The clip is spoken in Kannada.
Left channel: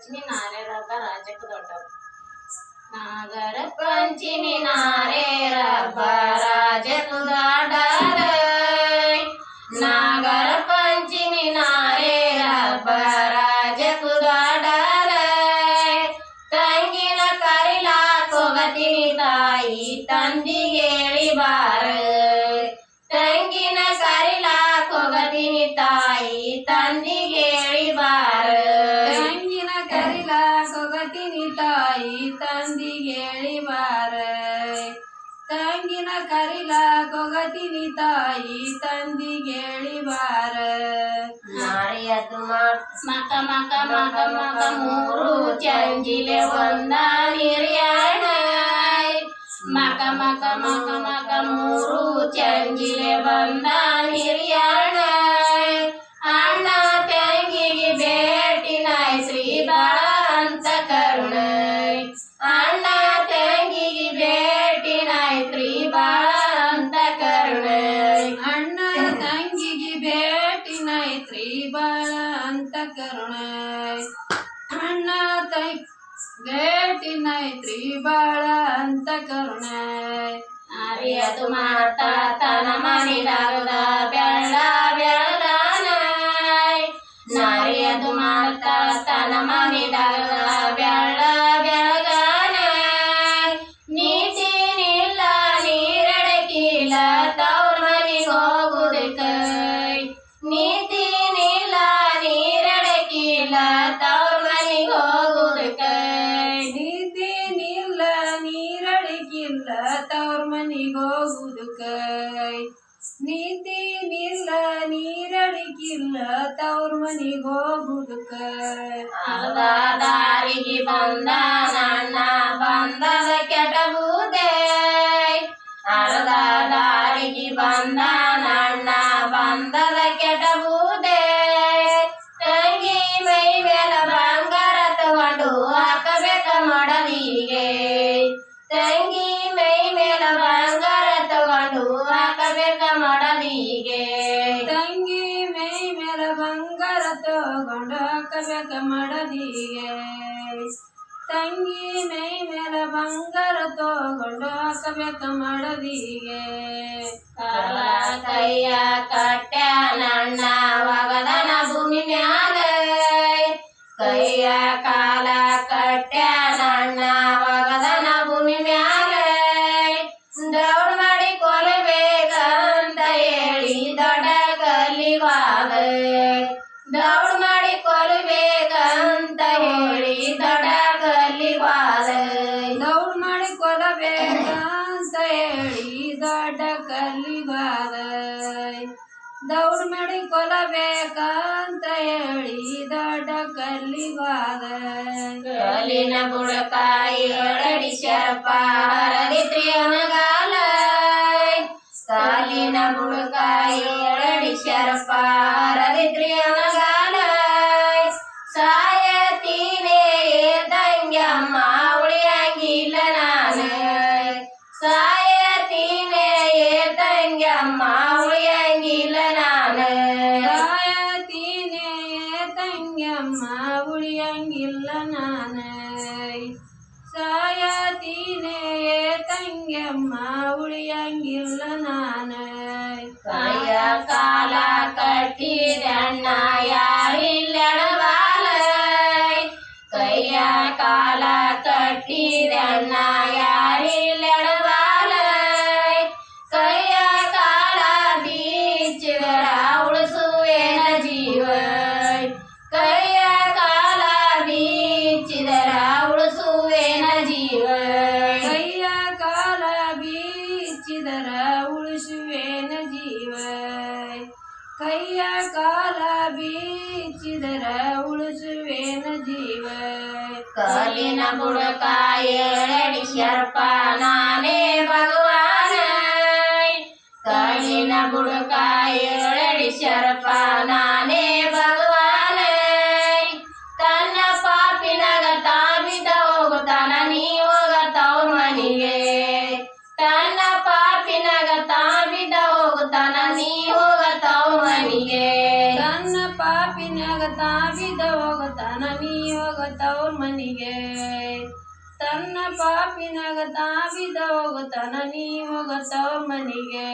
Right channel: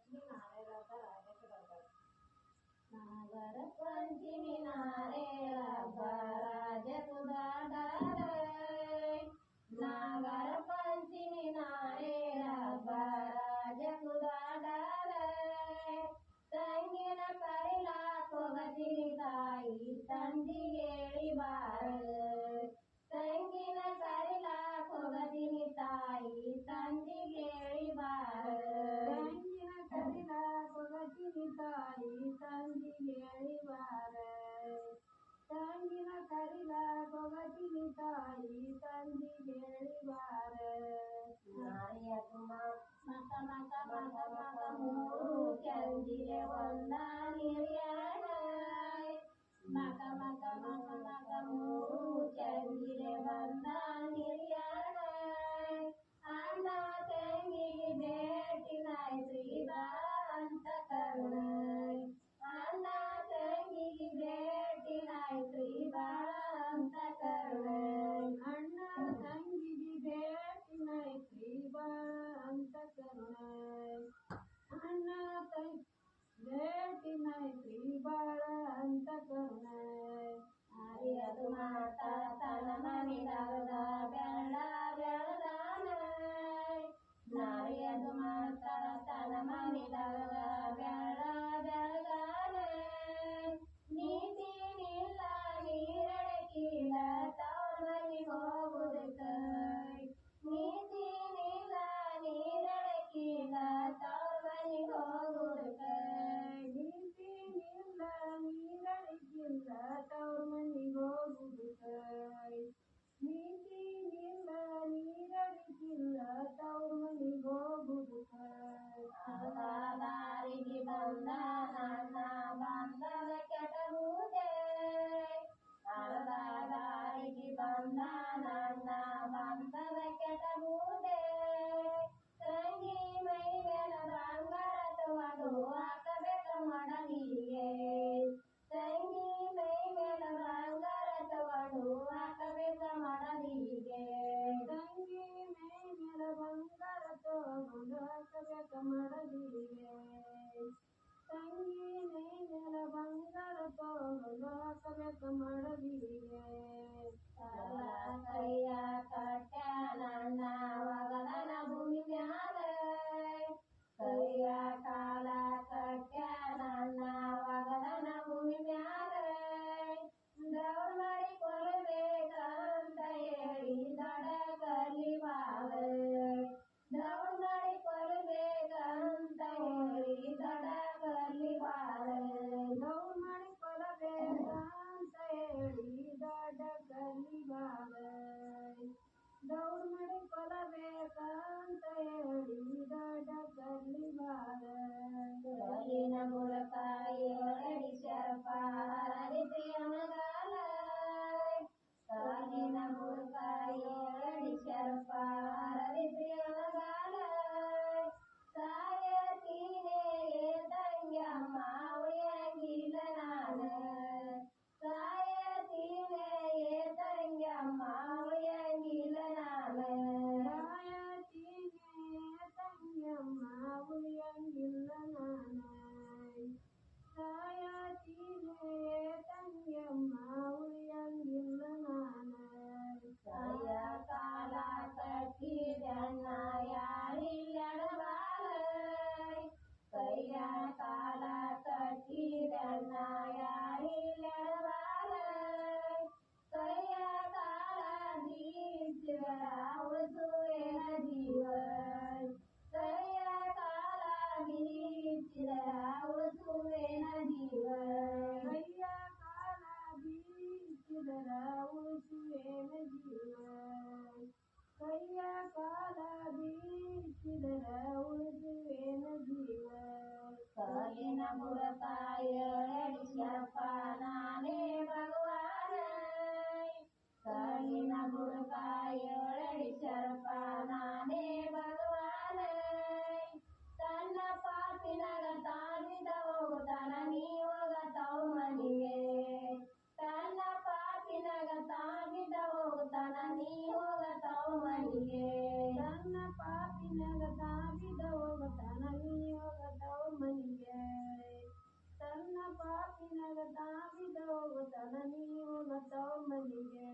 ಪಂಚಮಿ ನಾರೇರಬ್ಬ ರಾಜಕ್ಕೆ ದೊಡ್ಡವ ನಾಗರ ಪಂಚಮಿ ನಾರೇರಬ್ಬ ರಾಜಕ್ಕೆ ದೊಡ್ಡರ ನಾಗರ ಪಂಚಮಿ ನಾರೇರಬ್ಬ ರಾಜಕ್ಕೆ ದೊಡ್ಡರ ತಂಗಿನ ಕರಿಲಾಕ್ ಹೋಗತೀನಿ ತಾಯಿ ತಂದಿಗೆ ತಂಗಿನ ಕರಿಲಾಕ ತಾಯಿ ತಾಯಿ ತಂದಿಗೆಳಿವಾರ ಬಾರ ನಾರಿಯದು ಮಕ ಮಕ ಮಕ ಮಕ ಮೂರು ಚಂಜಿಲೆ ಒಂದ ನಿರ್ಯಾಣ. ಮಕ ಮಕ ಮಕ ಮಕ ಮೂರು ಚಂಜಿಲೆ ಬಂದ भेटी नैत्री बाळंत करुणाय आर्य तुम्हाला ताताना मानी लागला ब्याळा ತವ್ರ ಮನಿಗ್ ಹೋಗುದು ಕೈ ಅರ್ಧ ದಾರಿಗೆ ಬಂದ ನನ್ನ ಹಾಕಬೇಕ ಮಡದಿಗೆ ತಂಗಿ ಮೈ ಮೇಲ ಬಂಗಾರ ತಗೊಂಡು ಹಾಕಬೇಕ ಮಡದಿಗೆ ಕಾಲ ಕೈಯ ಕಟ್ಟ್ಯ ನನ್ನ ಒಗದನ ಭೂಮಿ ಮ್ಯಾಲ. ಕೈಯ ಕಾಲ ಕಟ್ಟ್ಯ ನನ್ನ ಒಗದನ ಭೂಮಿ ಮ್ಯಾಲ. ದೌಡ್ ಮಾಡಿ ಅಂತ ಹೇಳಿ ದೊಡ್ಡ ಕಲ್ಲಿವಾದ ದೌಡ್ ದೌಡ್ ಮಾಡಿ ಕೊಲ್ಲಬೇಕಂತ ಹೇಳಿ ದೊಡ್ಡ ಕಲ್ಲಿವಾದ. ಕಲ್ಲಿನ ಬುಡಕಾಯಿ ಏಳಡಿ ಶರಪ ಹರದಿತ್ರಿ ಅನಗಾಲ ಕಾಲಿನ ಬುಡಕಾಯಿ ಶರಪ ತಂಗ್ಯಮ್ಮ ಉಳಿಯಂಗಿಲ್ಲ ನಾನ ಸಾಯತೀನೆ ತಂಗ್ಯಮ್ಮ ಉಳಿಯಂಗಿಲ್ಲ ನಾನ ಕೈಯ ಕಾಲ ಕಟ್ಟಿದಣ್ಣ ಯಾರಿಲ್ಲಡವಾಲ ಕೈಯ ಕಾಲ ಕಟ್ಟಿದಣ್ಣ ಯಾರಿಲ್ಲಡವಾಲ ಕೈಯ ಕಾಲ ಬೀಚಿದರ ಉಳಿಸುವೇನ ಜೀವ ಕಲ್ಲಿನ ಬುಡಕ ಏಳಡಿ ಶರ್ಪ ನಾನೇ ಭಗವಾನ ಕಲ್ಲಿನ ಬುಡಕ ಹೋಗತ್ತವ್ರ ಮನಿಗೆ. ತನ್ನ ಹೋಗತಾನ ಪಾಪಿನಾಗ ತಾವಿದ ಹೋಗುತ್ತಾನ ನೀ ಹೋಗತವ್ರ ಮನಿಗೆ.